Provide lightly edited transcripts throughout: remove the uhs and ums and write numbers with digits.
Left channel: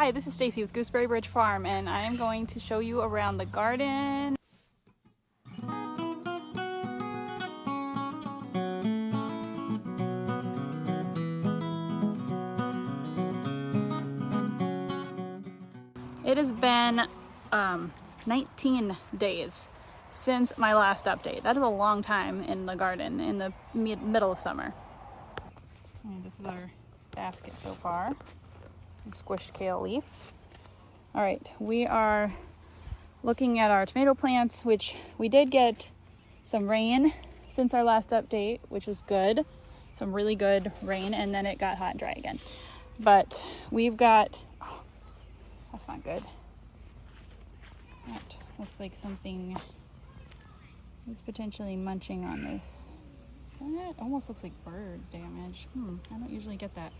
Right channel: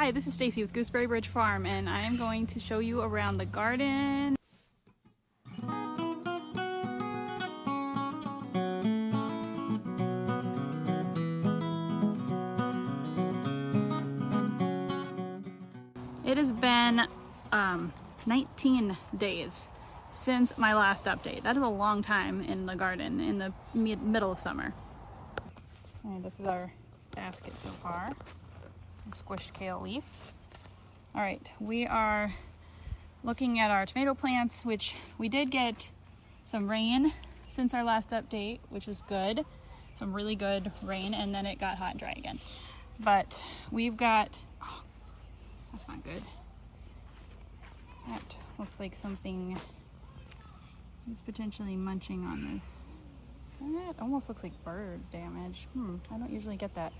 Hi, this is Stacy with Gooseberry Bridge Farm, and I am going to show you around the garden. It has been 19 days since my last update. That is a long time in the garden in the middle of summer. And this is our basket so far. Squished kale leaf. All right, we are looking at our tomato plants, which we did get some rain since our last update, which was good. Some really good rain, and then it got hot and dry again. But we've got, oh, that's not good. That looks like something is potentially munching on this. That almost looks like bird damage. I don't usually get that.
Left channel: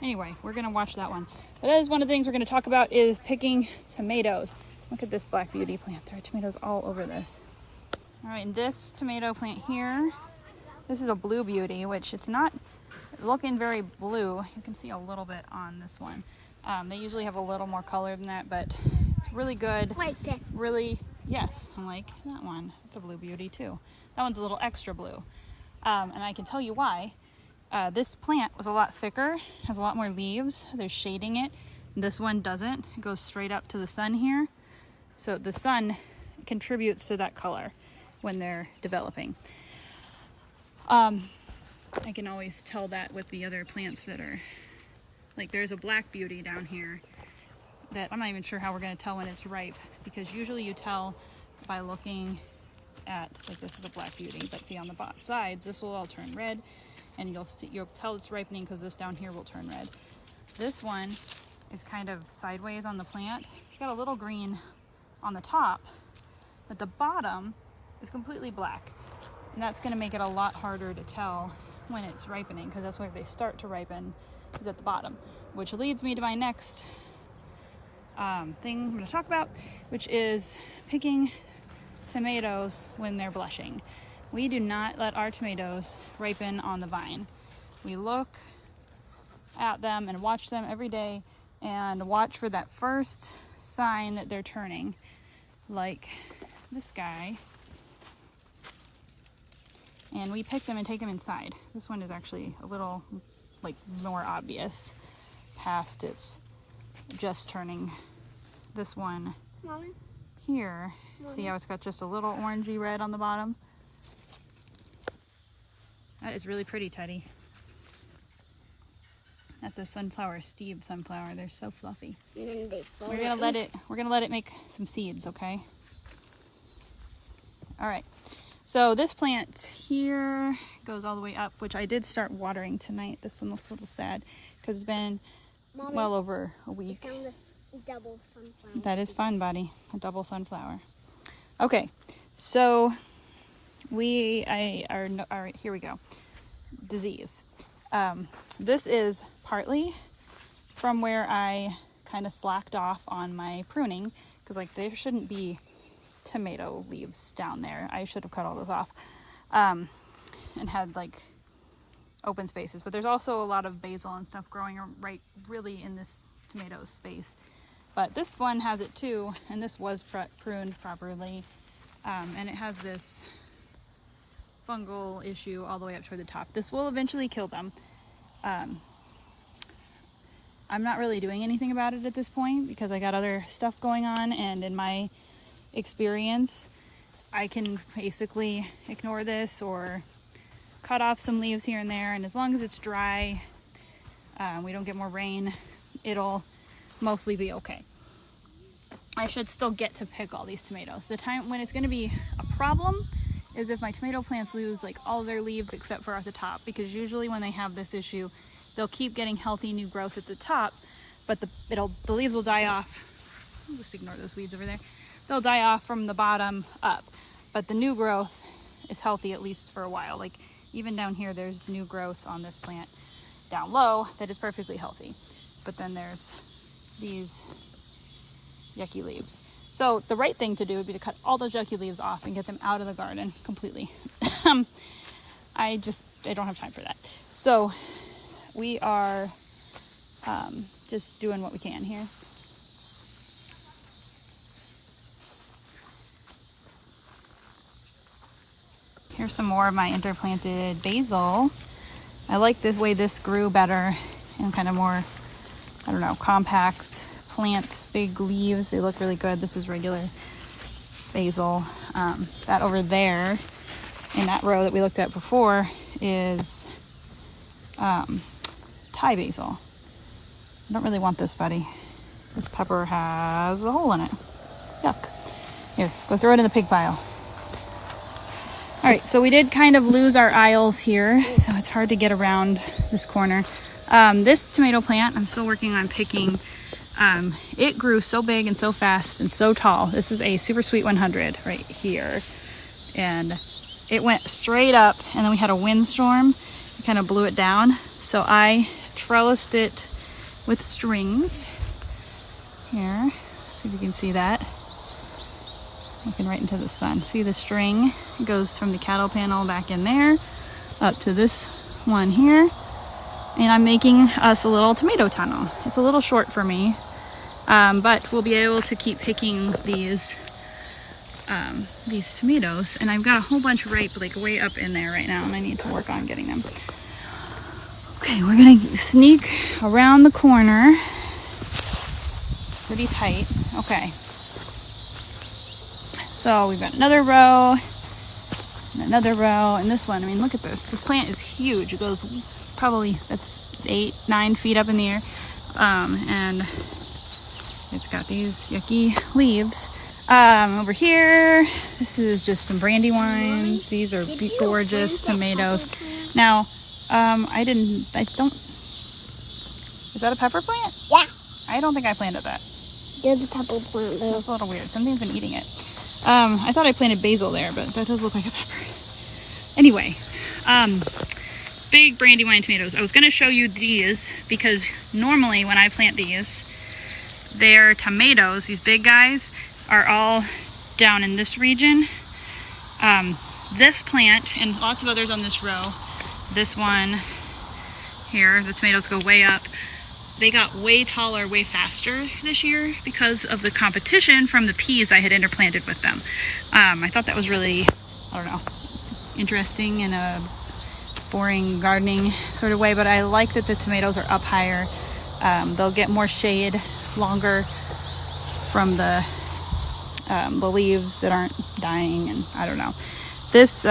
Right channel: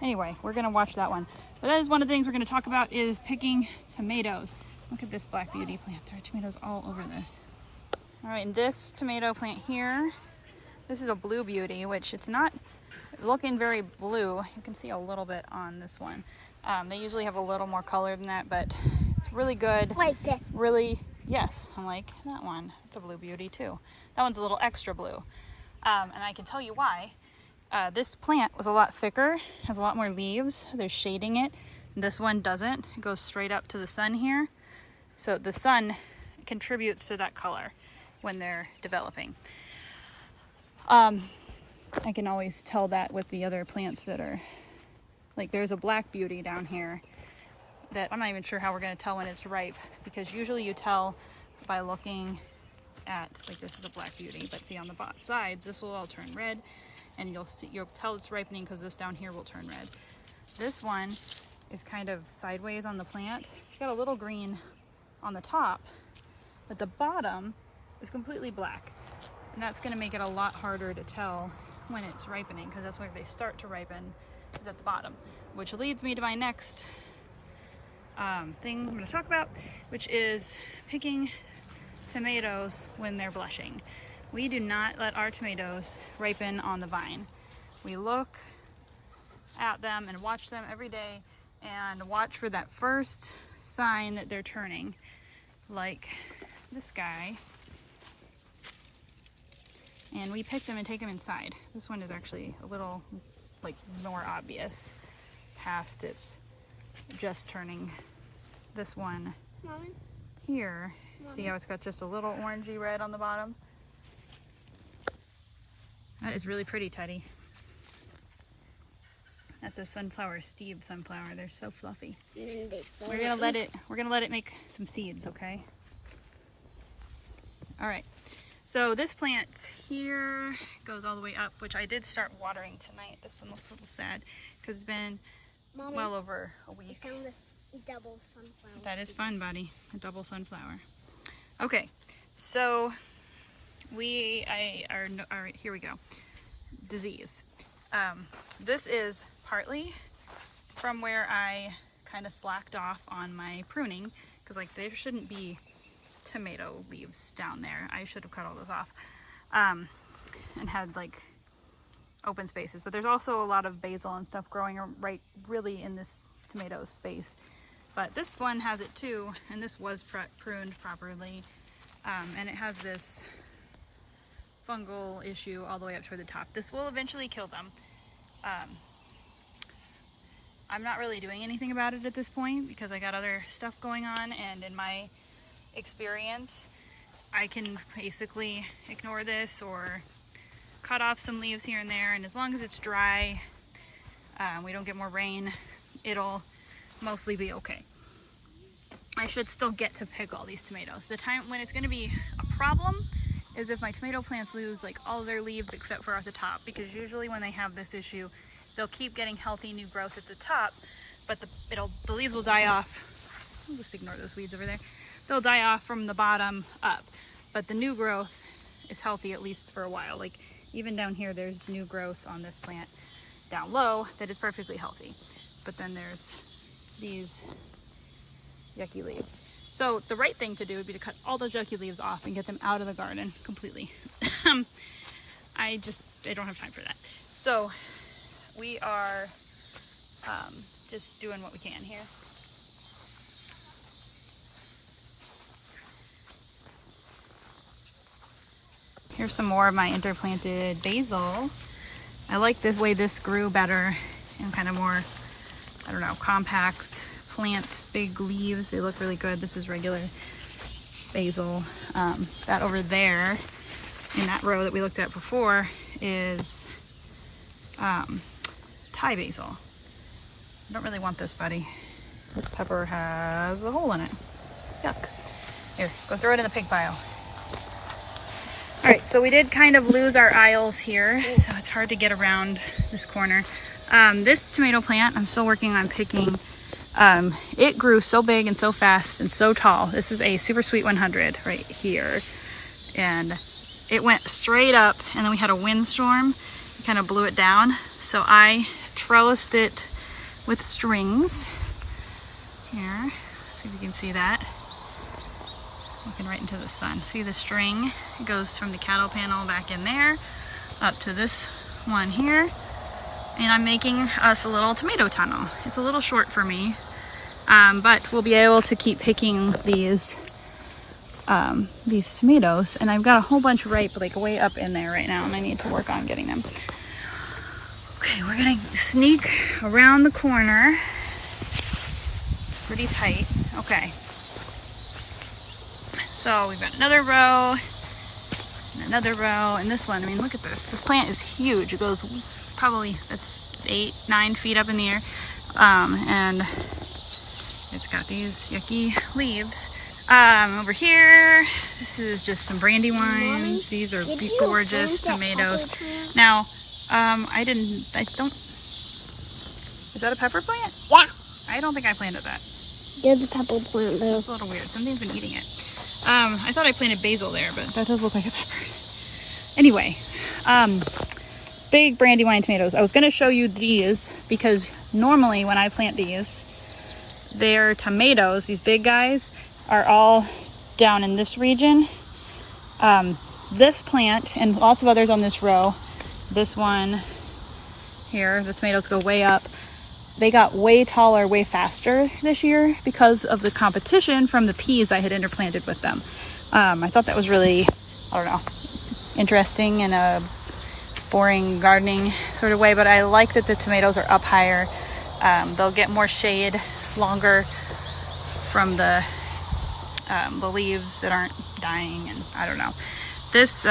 Anyway, we're gonna watch that one. But that is one of the things we're gonna talk about is picking tomatoes. Look at this black beauty plant. There are tomatoes all over this. All right, and this tomato plant here, this is a blue beauty, which it's not looking very blue. You can see a little bit on this one. They usually have a little more color than that, but it's really good. Like this. Really, yes, I'm like that one. It's a blue beauty too. That one's a little extra blue. And I can tell you why. This plant was a lot thicker, has a lot more leaves. There's shading it. This one doesn't. It goes straight up to the sun here. So the sun contributes to that color when they're developing. I can always tell that with the other plants that are, like there's a black beauty down here that I'm not even sure how we're going to tell when it's ripe, because usually you tell by looking at, like this is a black beauty, but see on the sides, this will all turn red. And you'll tell it's ripening because this down here will turn red. This one is kind of sideways on the plant. It's got a little green on the top, but the bottom is completely black. And that's gonna make it a lot harder to tell when it's ripening, because that's where they start to ripen, is at the bottom. Which leads me to my next thing I'm gonna talk about, which is picking tomatoes when they're blushing. We do not let our tomatoes ripen on the vine. We look at them and watch them every day and watch for that first sign that they're turning, like this guy. And we pick them and take them inside. This one is actually a little like more obvious past its just turning. This one Mommy? here, Mommy? See how it's got just a little orangey red on the bottom? That is really pretty, Teddy. That's a sunflower, Steve sunflower. They're so fluffy. We're gonna let it make some seeds, okay? All right. So this plant here goes all the way up, which I did start watering tonight. This one looks a little sad because it's been Mommy, well over a week. I found this double sunflower. That is fun, buddy. A double sunflower. Okay, so here we go. Disease. This is partly from where I kind of slacked off on my pruning, because like there shouldn't be tomato leaves down there. I should have cut all those off and had like open spaces. But there's also a lot of basil and stuff growing right really in this tomato space. But this one has it too, and this was pruned properly, and it has this fungal issue all the way up toward the top. This will eventually kill them. I'm not really doing anything about it at this point because I got other stuff going on, and in my experience I can basically ignore this or cut off some leaves here and there, and as long as it's dry, we don't get more rain, it'll mostly be okay. I should still get to pick all these tomatoes. The time when it's going to be a problem is if my tomato plants lose like all their leaves except for at the top, because usually when they have this issue, they'll keep getting healthy new growth at the top, but the leaves will die off. I'll just ignore those weeds over there. They'll die off from the bottom up, but the new growth is healthy at least for a while. Like even down here, there's new growth on this plant down low that is perfectly healthy, but then there's these yucky leaves. So the right thing to do would be to cut all those yucky leaves off and get them out of the garden completely. I don't have time for that. So we are just doing what we can here. Here's some more of my interplanted basil. I like the way this grew better and kind of more, I don't know, compact plants, big leaves. They look really good. This is regular basil. That over there in that row that we looked at before is Thai basil. I don't really want this, buddy. This pepper has a hole in it. Yuck. Here, go throw it in the pig pile. All right, so we did kind of lose our aisles here, so it's hard to get around this corner. This tomato plant, I'm still working on picking. It grew so big and so fast and so tall. This is a Super Sweet 100 right here. And it went straight up, and then we had a windstorm. It kind of blew it down. So I trellised it with strings. Here, see if you can see that. Looking right into the sun. See the string? It goes from the cattle panel back in there up to this one here. And I'm making us a little tomato tunnel. It's a little short for me, but we'll be able to keep picking these tomatoes. And I've got a whole bunch ripe, like way up in there right now, and I need to work on getting them. Okay, we're gonna sneak around the corner. It's pretty tight. Okay. So we've got another row, and another row, and this one, I mean, look at this. This plant is huge. It goes probably, that's 8-9 feet up in the air. And it's got these yucky leaves. Over here, this is just some brandywines. These are gorgeous tomatoes. Now, I don't, is that a pepper plant? Yeah. I don't think I planted that. There's a pepper plant there. That's a little weird. Something's been eating it. I thought I planted basil there, but that does look like a pepper. Anyway, big brandywine tomatoes. I was going to show you these because normally when I plant these, their tomatoes, these big guys, are all down in this region. This plant and lots of others on this row, this one here, the tomatoes go way up. They got way taller, way faster this year because of the competition from the peas I had interplanted with them. I thought that was really, I don't know, interesting in a boring gardening sort of way, but I like that the tomatoes are up higher. They'll get more shade longer from the leaves that aren't dying, and I don't know. This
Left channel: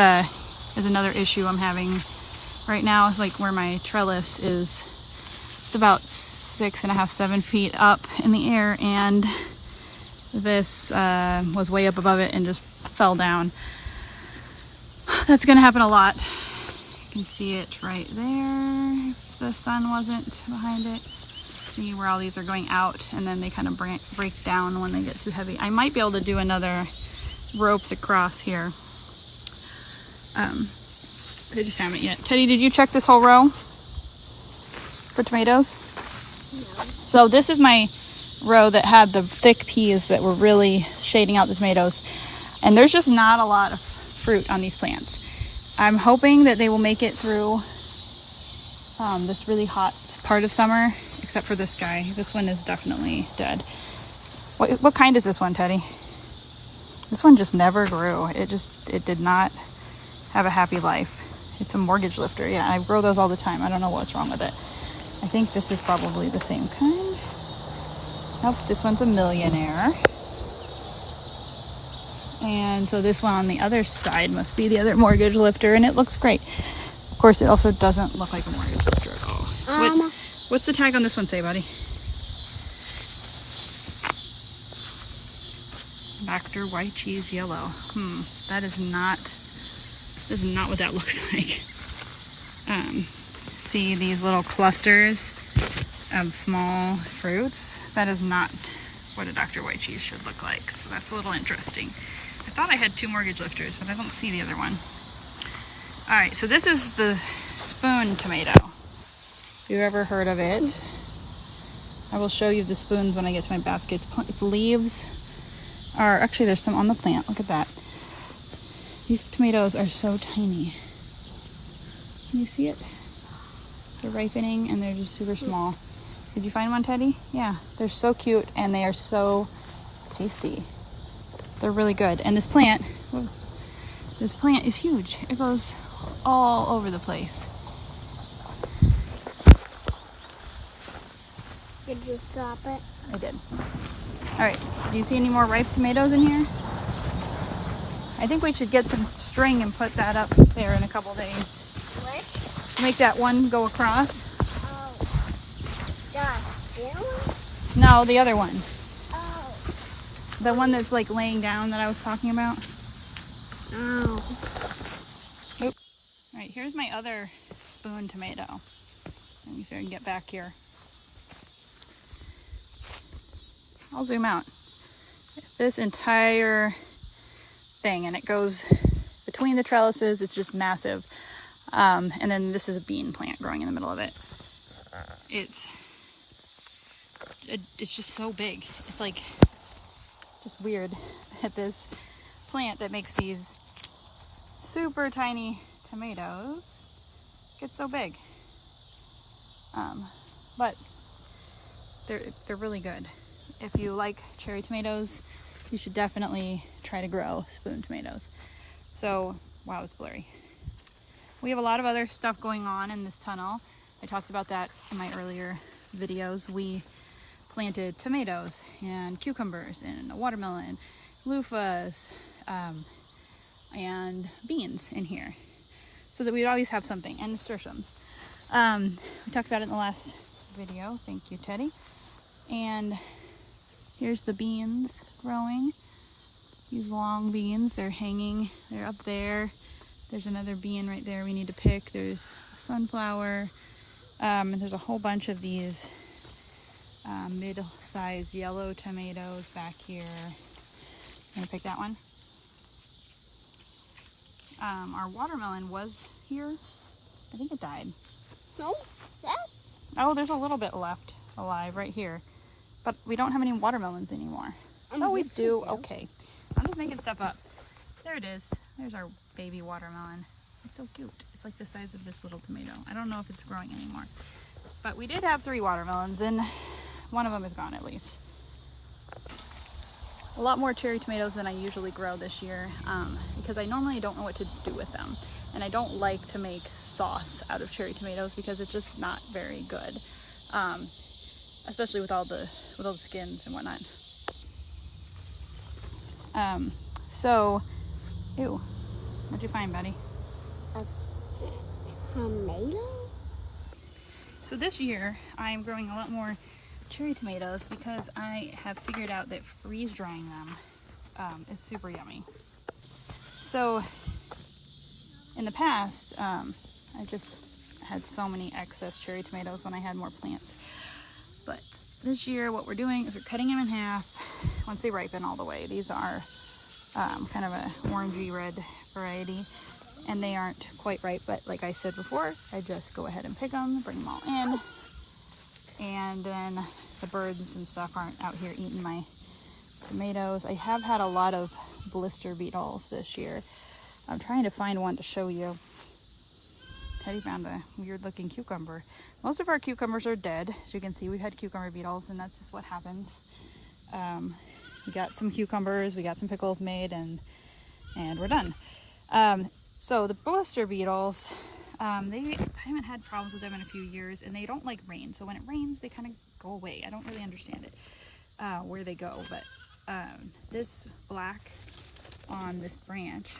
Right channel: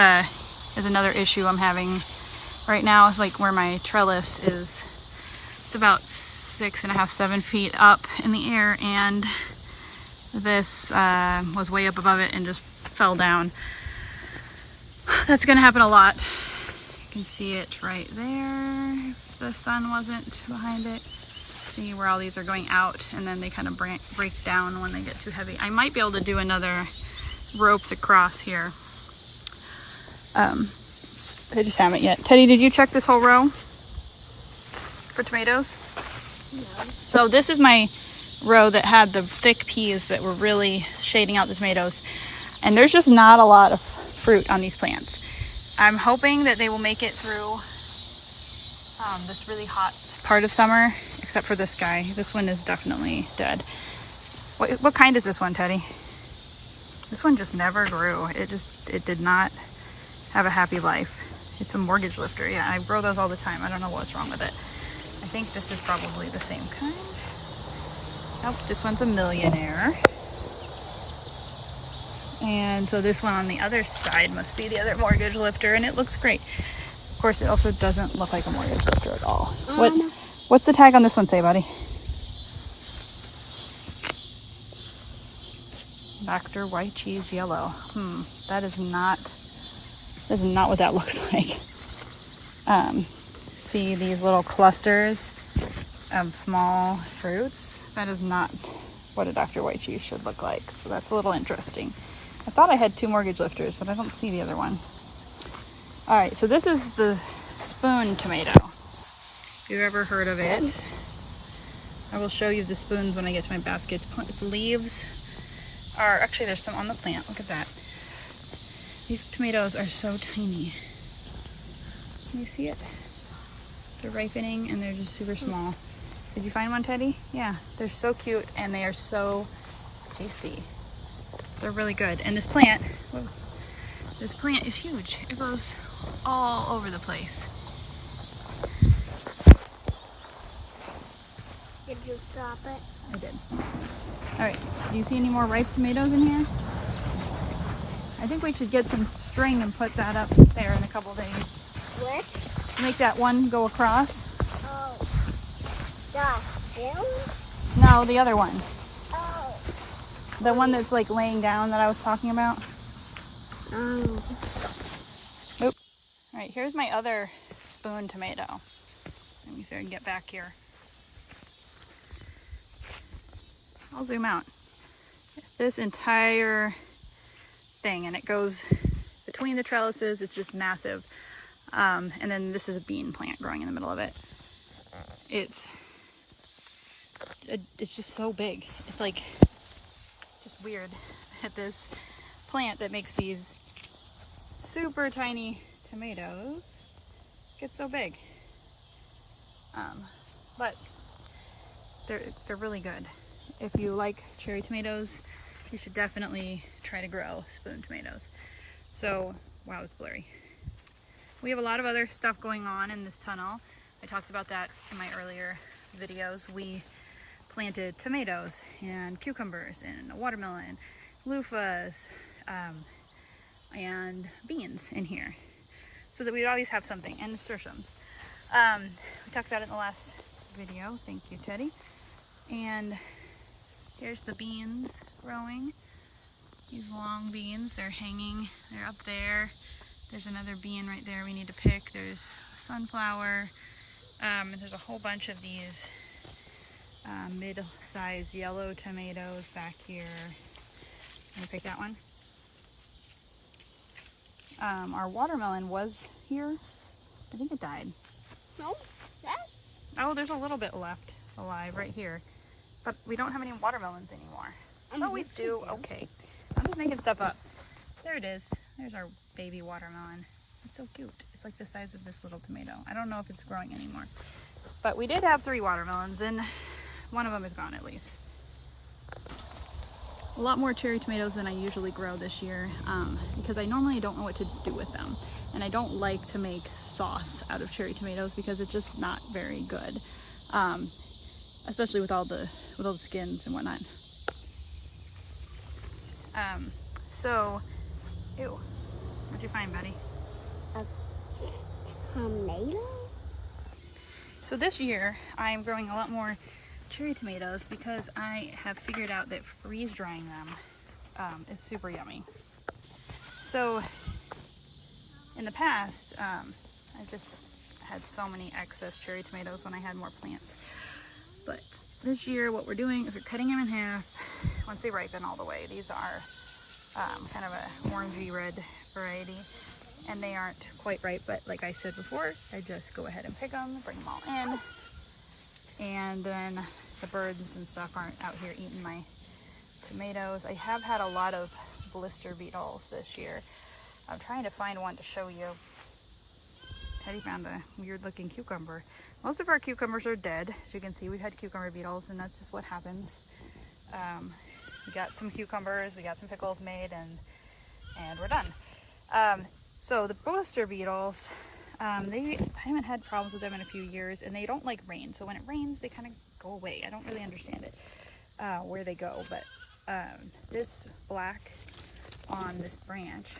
is another issue I'm having right now. Is like where my trellis is. It's about 6.5, 7 feet up in the air, and this was way up above it and just fell down. That's gonna happen a lot. You can see it right there if the sun wasn't behind it. See where all these are going out, and then they kind of break down when they get too heavy. I might be able to do another ropes across here. I just haven't yet. Teddy, did you check this whole row for tomatoes? No. So this is my row that had the thick peas that were really shading out the tomatoes. And there's just not a lot of fruit on these plants. I'm hoping that they will make it through this really hot part of summer, except for this guy. This one is definitely dead. What kind is this one, Teddy? This one just never grew. It did not have a happy life. It's a mortgage lifter. Yeah, I grow those all the time. I don't know what's wrong with it. I think this is probably the same kind. Nope, this one's a millionaire. And so this one on the other side must be the other mortgage lifter, and it looks great. Of course, it also doesn't look like a mortgage lifter at all. What's the tag on this one say, buddy? Dr. White Cheese Yellow. That is not what that looks like. See these little clusters of small fruits? That is not what a Dr. White Cheese should look like. So that's a little interesting. I thought I had 2 mortgage lifters, but I don't see the other one. All right, so this is the spoon tomato. If you've ever heard of it, I will show you the spoons when I get to my baskets. Its leaves are, actually there's some on the plant. Look at that. These tomatoes are so tiny. Can you see it? They're ripening and they're just super small. Did you find one, Teddy? Yeah, they're so cute and they are so tasty. They're really good. And this plant is huge. It goes all over the place. Did you stop it? I did. All right, do you see any more ripe tomatoes in here? I think we should get some string and put that up there in a couple days. What? Make that one go across. Oh. That one? No, the other one. Oh. The one that's like laying down that I was talking about. Oh. Nope. All right, here's my other spoon tomato. Let me see if I can get back here. I'll zoom out. This entire thing, and it goes between the trellises. It's just massive. And then this is a bean plant growing in the middle of it. It's just so big. It's like just weird that this plant that makes these super tiny tomatoes gets so big. But they're really good. If you like cherry tomatoes, you should definitely try to grow spoon tomatoes. So, wow, it's blurry. We have a lot of other stuff going on in this tunnel. I talked about that in my earlier videos. We planted tomatoes and cucumbers and a watermelon, loofahs, and beans in here, so that we'd always have something, and nasturtiums. We talked about it in the last video. Thank you, Teddy. And here's the beans growing. These long beans, they're hanging, they're up there. There's another bean right there we need to pick. There's sunflower, and there's a whole bunch of these mid-sized yellow tomatoes back here. Can you pick that one? Our watermelon was here. I think it died. No, Oh, there's a little bit left alive right here. But we don't have any watermelons anymore. Oh, we do. Okay. I'm just making stuff up. There it is. There's our baby watermelon. It's so cute. It's like the size of this little tomato. I don't know if it's growing anymore. But we did have 3 watermelons, and one of them is gone at least. A lot more cherry tomatoes than I usually grow this year, because I normally don't know what to do with them. And I don't like to make sauce out of cherry tomatoes because it's just not very good. Especially with all the skins and whatnot. So, ew, what'd you find, buddy? A tomato? So this year, I am growing a lot more cherry tomatoes because I have figured out that freeze drying them is super yummy. So, in the past, I just had so many excess cherry tomatoes when I had more plants. But this year, what we're doing is we're cutting them in half once they ripen all the way. These are kind of an orangey red variety, and they aren't quite ripe, but like I said before, I just go ahead and pick them, bring them all in, and then the birds and stuff aren't out here eating my tomatoes. I have had a lot of blister beetles this year. I'm trying to find one to show you. Teddy found a weird looking cucumber. Most of our cucumbers are dead. As you can see, we've had cucumber beetles, and that's just what happens. We got some cucumbers, we got some pickles made, and we're done. So the blister beetles, I haven't had problems with them in a few years, and they don't like rain. So when it rains, they kind of go away. I don't really understand it, where they go. But this black on this branch,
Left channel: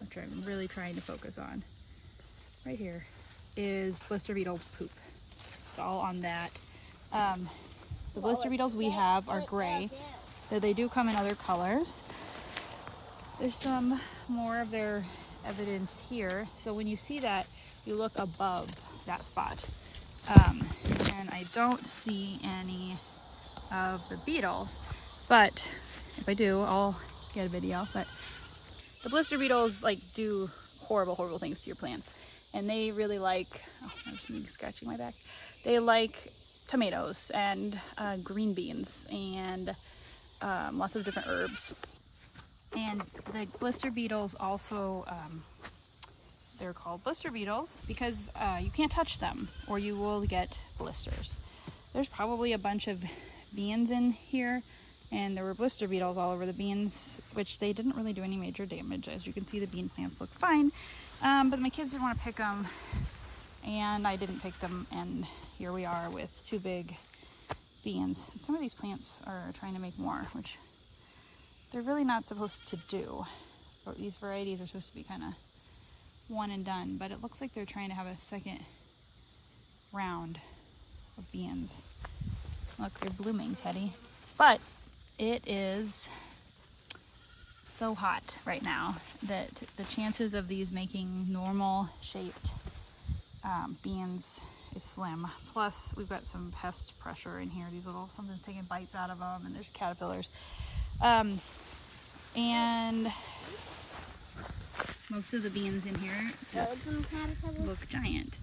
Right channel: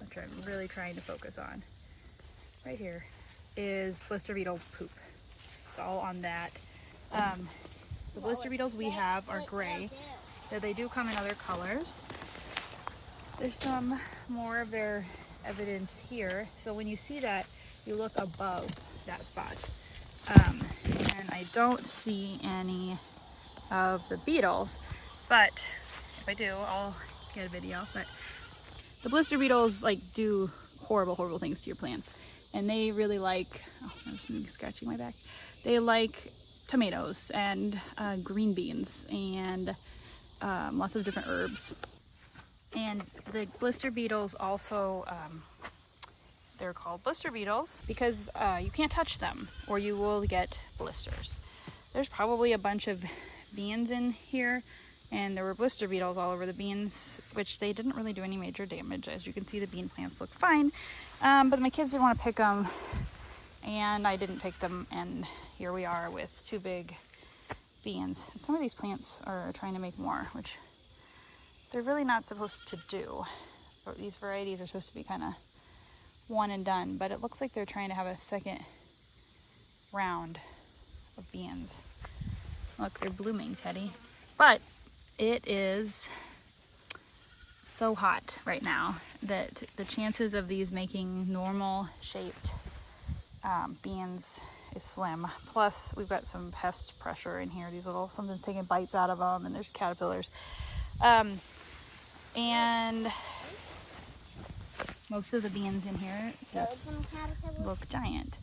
which I'm really trying to focus on, right here, is blister beetle poop. It's all on that. The blister beetles we have are gray. They do come in other colors. There's some more of their evidence here. So when you see that, you look above that spot. And I don't see any of the beetles, but if I do, I'll get a video. But the blister beetles do horrible things to your plants. And they really like, oh, there's something scratching my back. They like tomatoes and green beans and lots of different herbs. And the blister beetles also, they're called blister beetles because you can't touch them or you will get blisters. there's probably a bunch of beans in here, and there were blister beetles all over the beans, which they didn't really do any major damage. As you can see, the bean plants look fine, but my kids didn't want to pick them, and I didn't pick them, and here we are with 2 big beans. And some of these plants are trying to make more, which they're really not supposed to do, but these varieties are supposed to be kind of one and done, but it looks like they're trying to have a second round of beans. Look, they're blooming, Teddy. But it is so hot right now that the chances of these making normal shaped beans is slim. Plus, we've got some pest pressure in here. These little, something's taking bites out of them, and there's caterpillars. And most of the beans in here just look giant.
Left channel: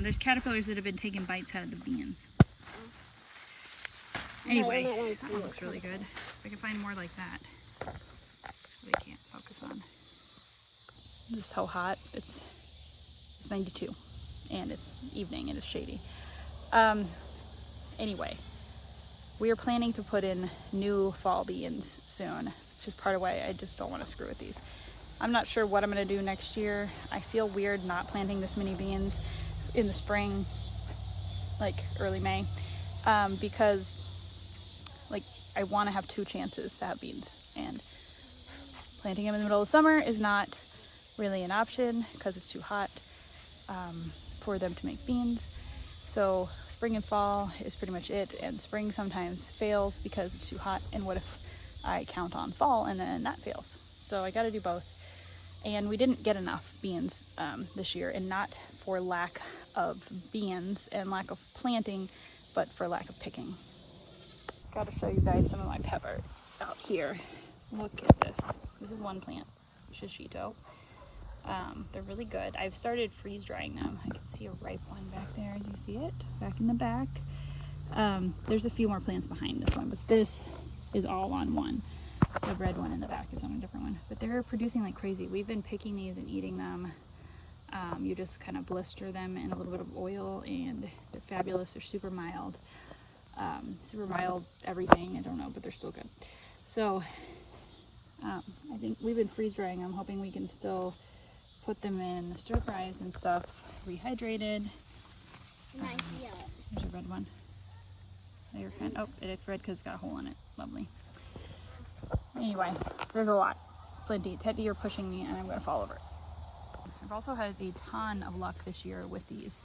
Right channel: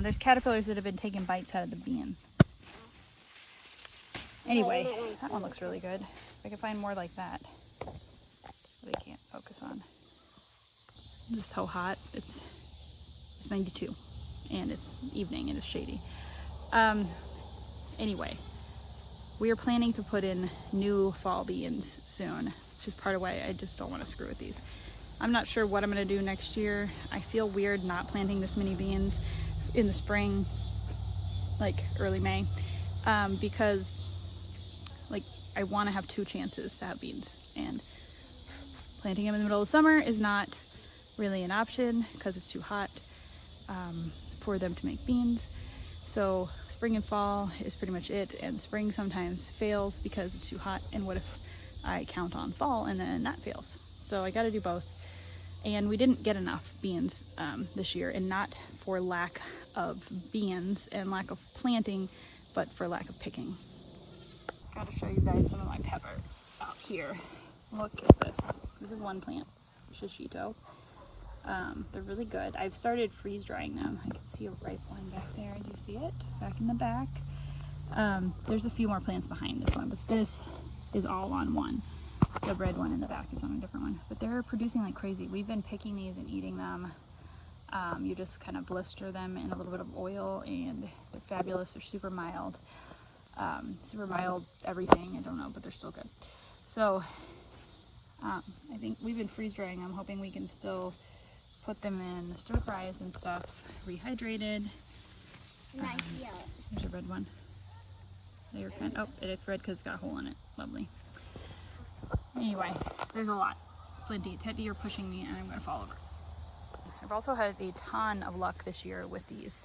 There's caterpillars that have been taking bites out of the beans. Anyway, that one looks really good. If I can find more like that. We can't focus on. This is how hot. It's 92, and it's evening and it's shady. Anyway, we are planning to put in new fall beans soon, which is part of why I just don't want to screw with these. I'm not sure what I'm going to do next year. I feel weird not planting this many beans in the spring, like early May, because like I want to have 2 chances to have beans, and planting them in the middle of summer is not really an option because it's too hot for them to make beans. So spring and fall is pretty much it, and spring sometimes fails because it's too hot, and what if I count on fall and then that fails? So I got to do both. And we didn't get enough beans this year, and not for lack of beans and lack of planting, but for lack of picking. Got to show you guys some of my peppers out here. Look at this. This is one plant, shishito. They're really good. I've started freeze drying them. I can see a ripe one back there. Do you see it? Back in the back. There's a few more plants behind this one, but this is all on one. The red one in the back is on a different one, but they're producing like crazy. We've been picking these and eating them. You just kind of blister them in a little bit of oil, and they're fabulous. They're super mild everything. I don't know, but they're still good. So I think we've been freeze drying them, hoping we can still put them in stir fries and stuff, rehydrated. Nice yellow. There's a red one. They're kind of, oh, it's red because it's got a hole in it. Lovely. Anyway, there's a lot. Plenty. Teddy, you're pushing me and I'm going to fall over. I've also had a ton of luck this year with these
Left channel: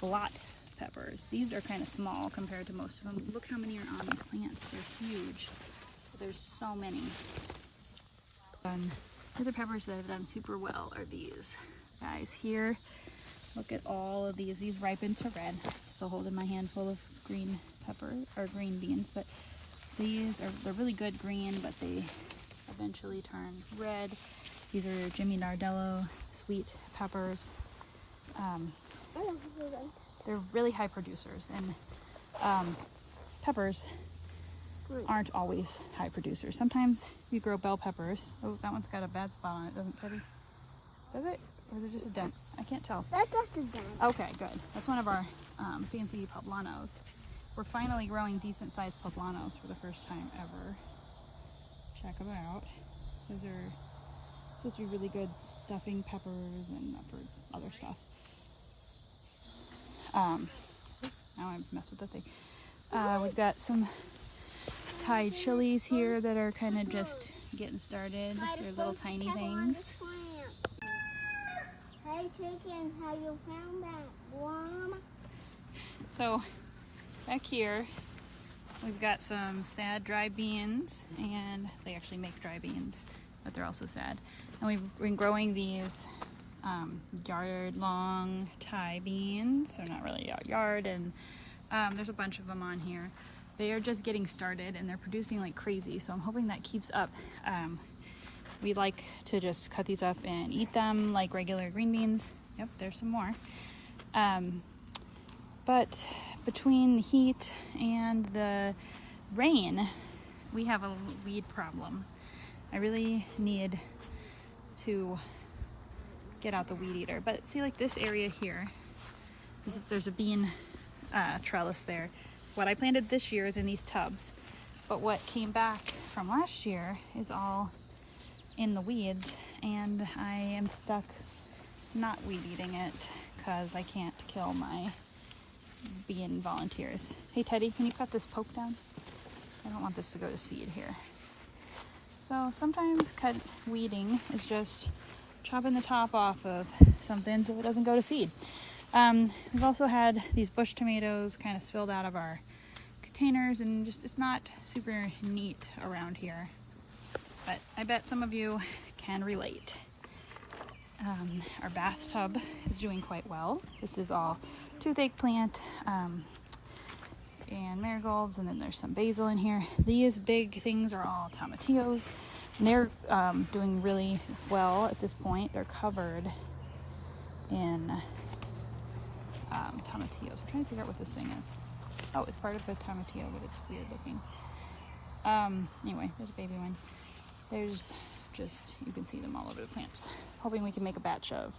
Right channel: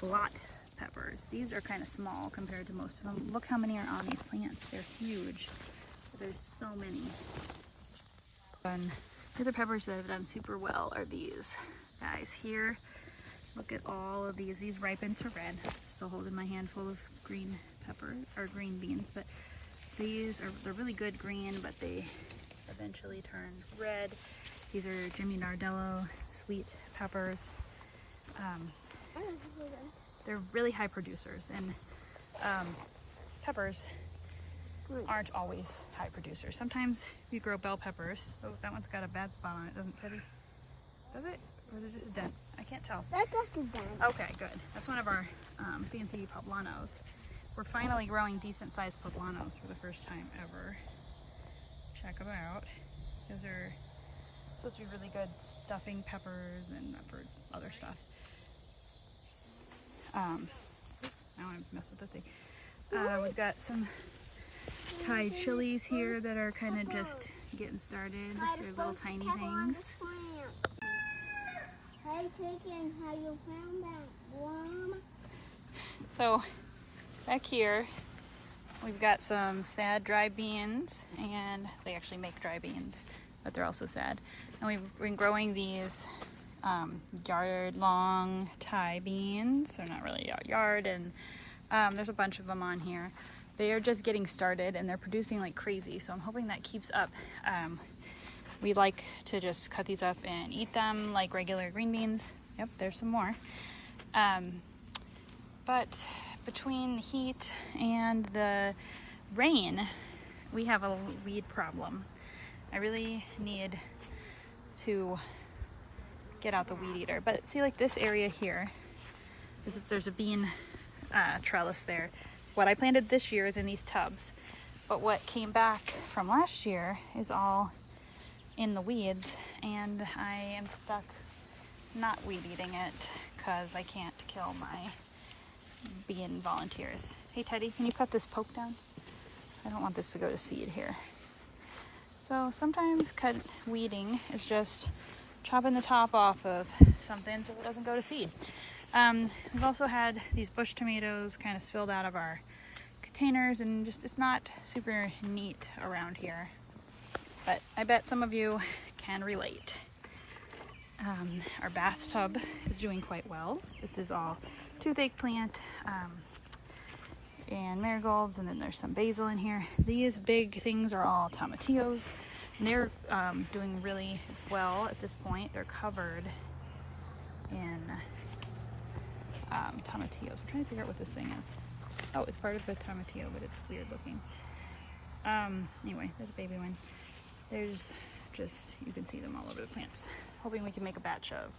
blot peppers. These are kind of small compared to most of them. Look how many are on these plants. They're huge. There's so many. And the other peppers that have done super well are these guys here. Look at all of these. These ripen to red. Still holding my handful of green peppers or green beans, but they're really good green, but they eventually turn red. These are Jimmy Nardello sweet peppers. They're really high producers, and peppers aren't always high producers. Sometimes we grow bell peppers. Oh, that one's got a bad spot on it, doesn't it, Teddy? Does it? Or is it just a dent? I can't tell. That's just a dent. Okay, good. That's one of our fancy poblanos. We're finally growing decent sized poblanos for the first time ever. Check them out. Those are supposed to be really good stuffing peppers and for other stuff. Now I mess with the thing. We've got some Thai chilies here that are kind of just getting started. They're little tiny things. Hey chicken, how you found that worm? So back here we've got some sad dry beans, and they actually make dry beans, but they're also sad. And we've been growing these yard long Thai beans. They're not really yard, and there's a bunch of them on here. They are just getting started and they're producing like crazy, so I'm hoping that keeps up. We like to just cut these up and eat them like regular green beans. Yep, there's some more. But between the heat and the rain, we have a weed problem. I really need to get out the weed eater. But see, like this area here, there's a bean trellis there. what I planted this year is in these tubs, but what came back from last year is all in the weeds, and I am stuck not weed eating it because I can't kill my being volunteers. Hey Teddy, can you cut this poke down? I don't want this to go to seed here. So sometimes weeding is just chopping the top off of something so it doesn't go to seed. We've also had these bush tomatoes kind of spilled out of our containers, and just it's not super neat around here. But I bet some of you can relate. Our bathtub is doing quite well. This is all toothache plant and marigolds, and then there's some basil in here. These big things are all tomatillos, and they're doing really well at this point. They're covered in tomatillos. I'm trying to figure out what this thing is. Oh, it's part of the tomatillo, but it's weird looking. Anyway, there's a baby one. There's just, you can see them all over the plants. Hoping we can make a batch of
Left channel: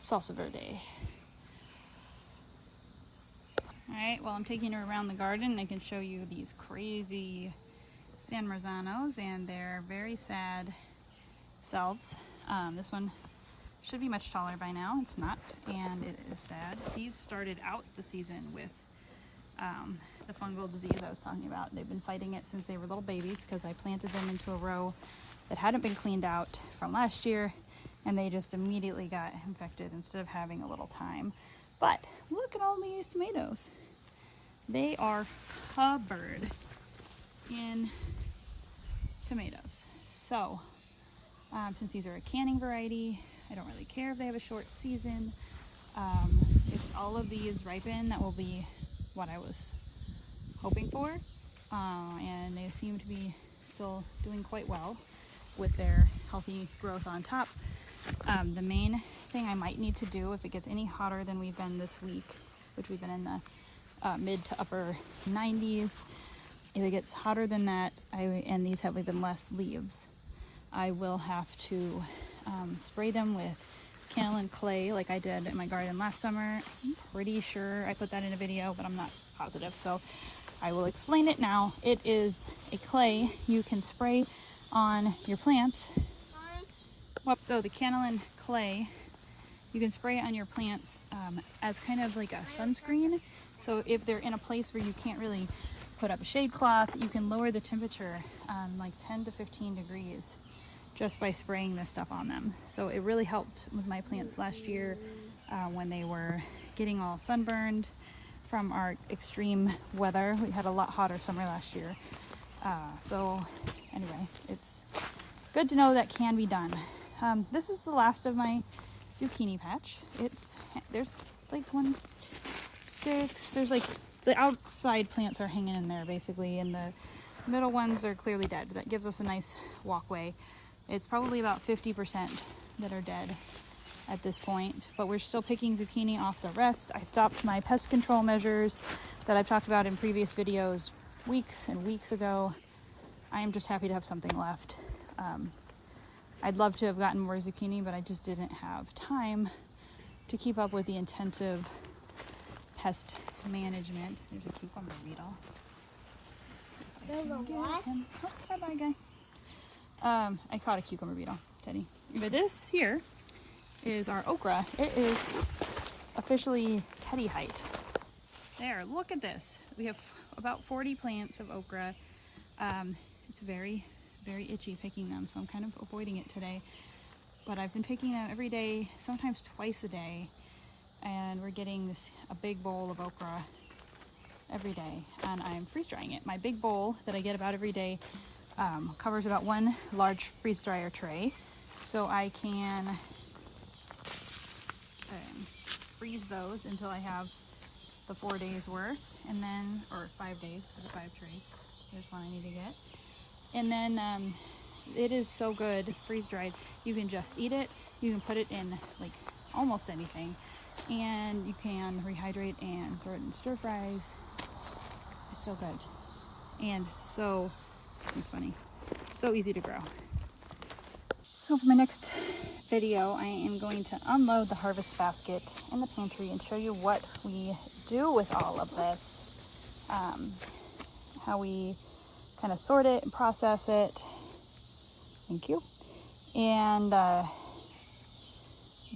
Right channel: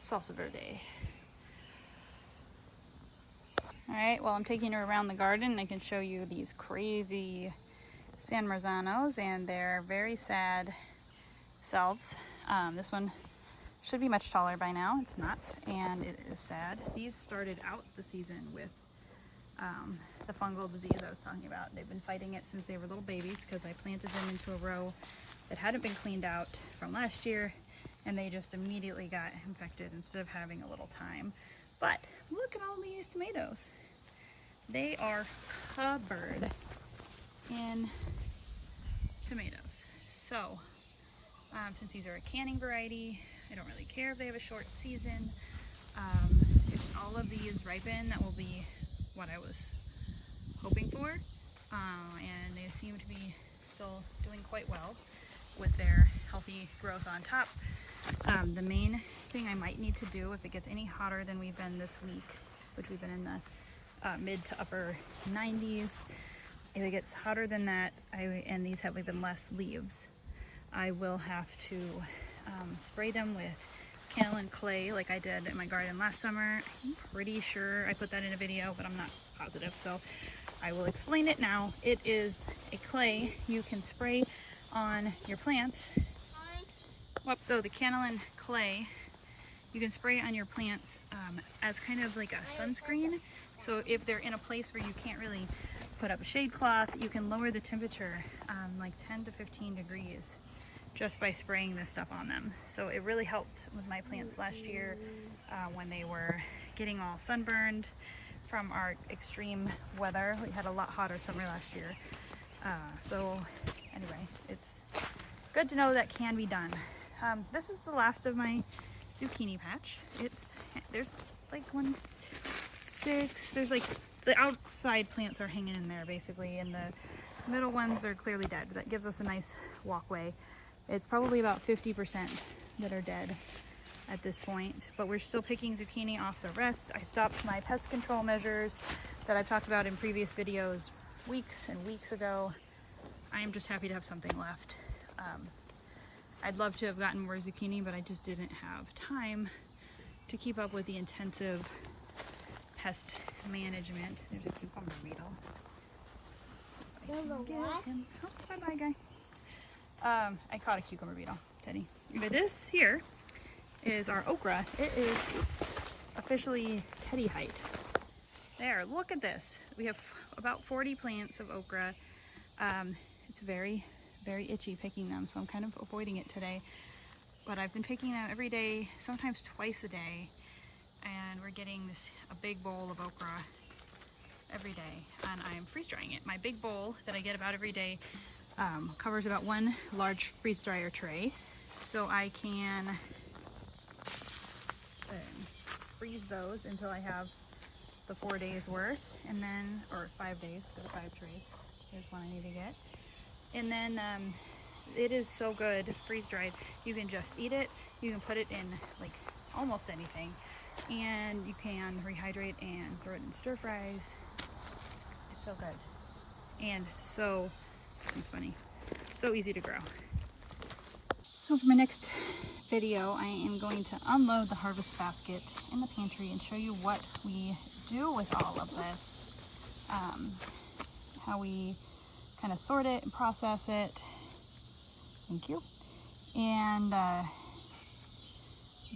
salsa verde. Alright, well I'm taking her around the garden and I can show you these crazy San Marzanos and their very sad selves. This one should be much taller by now. It's not, and it is sad. These started out the season with the fungal disease I was talking about. They've been fighting it since they were little babies because I planted them into a row that hadn't been cleaned out from last year, and they just immediately got infected instead of having a little time. But look at all these tomatoes. They are covered in tomatoes. So since these are a canning variety, I don't really care if they have a short season. If all of these ripen, that will be what I was hoping for. And they seem to be still doing quite well with their healthy growth on top. The main thing I might need to do if it gets any hotter than we've been this week, which we've been in the mid to upper 90s, if it gets hotter than that, and these have even less leaves, I will have to spray them with kaolin clay like I did in my garden last summer. I'm pretty sure I put that in a video, but I'm not positive, so I will explain it now. It is a clay you can spray on your plants. So the kaolin clay, you can spray it on your plants as kind of like a sunscreen. So if they're in a place where you can't really put up a shade cloth, you can lower the temperature like 10 to 15 degrees just by spraying this stuff on them. So it really helped with my plants last year when they were getting all sunburned from our extreme weather. We had a lot hotter summer last year. So anyway, it's good to know that can be done. This is the last of my zucchini patch. There's like 1, 6, there's like the outside plants are hanging in there basically, and the middle ones are clearly dead. That gives us a nice walkway. It's probably about 50% that are dead at this point, but we're still picking zucchini off the rest. I stopped my pest control measures that I've talked about in previous videos weeks and weeks ago. I am just happy to have something left. I'd love to have gotten more zucchini, but I just didn't have time to keep up with the intensive pest management. There's a cucumber beetle. There's a what? Oh, bye-bye, guy. I caught a cucumber beetle, Teddy. But this here is our okra. It is officially Teddy height. There, look at this. We have about 40 plants of okra. It's very, very itchy picking them, so I'm kind of avoiding it today. But I've been picking them every day, sometimes twice a day, and we're getting a big bowl of okra every day, and I'm freeze drying it. My big bowl that I get about every day covers about 1 large freeze dryer tray, so I can freeze those until I have the 4 days worth, and then, or 5 days for the 5 trays. Here's one I need to get. And then it is so good freeze dried. You can just eat it. You can put it in like almost anything, and you can rehydrate and throw it in stir fries. It's so good, and so, seems funny, so easy to grow. So for my next video, I am going to unload the harvest basket in the pantry and show you what we do with all of this. how we kind of sort it and process it. Thank you. And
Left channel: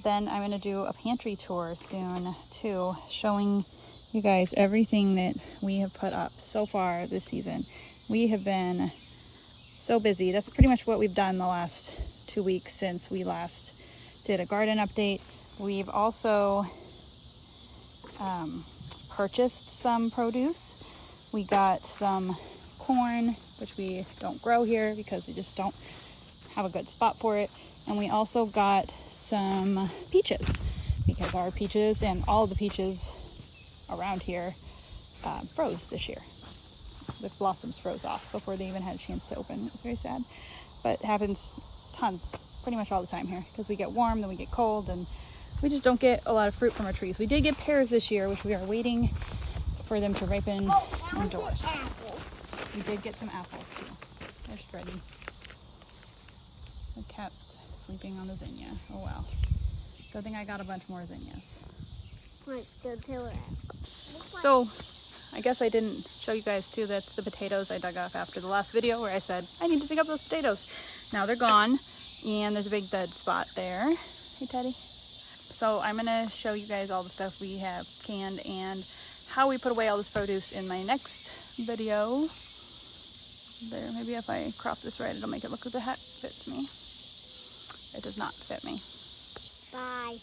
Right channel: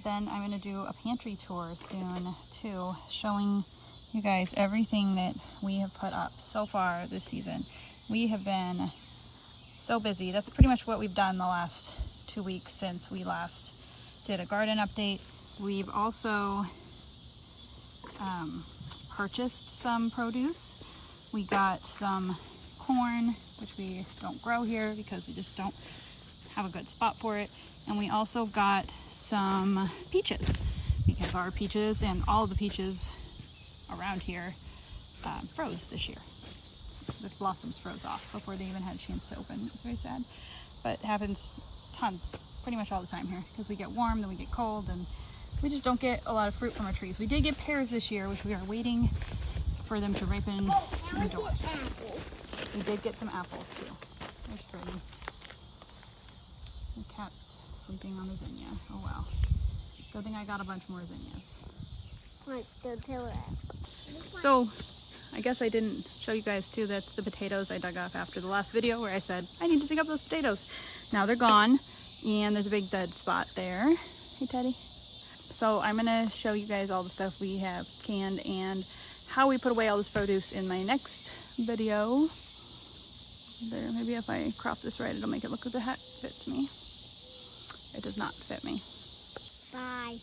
then I'm going to do a pantry tour soon too, showing you guys everything that we have put up so far this season. We have been so busy. That's pretty much what we've done the last 2 weeks since we last did a garden update. We've also purchased some produce. We got some corn, which we don't grow here because we just don't have a good spot for it. And we also got some peaches because our peaches and all the peaches around here froze this year. The blossoms froze off before they even had a chance to open. It was very sad, but it happens tons, pretty much all the time here, because we get warm, then we get cold, and we just don't get a lot of fruit from our trees. We did get pears this year, which we are waiting for them to ripen indoors. We did get some apples too. There's Freddie. The cat's sleeping on the zinnia. Oh wow. Good thing I got a bunch more zinnias. So, I guess I didn't show you guys too, that's the potatoes I dug up after the last video where I said, I need to dig up those potatoes. Now they're gone, and there's a big dead spot there. Hey, Teddy. So I'm gonna show you guys all the stuff we have canned and how we put away all this produce in my next video. There, maybe if I crop this right, it'll make it look like the hat fits me. It does not fit me. Bye.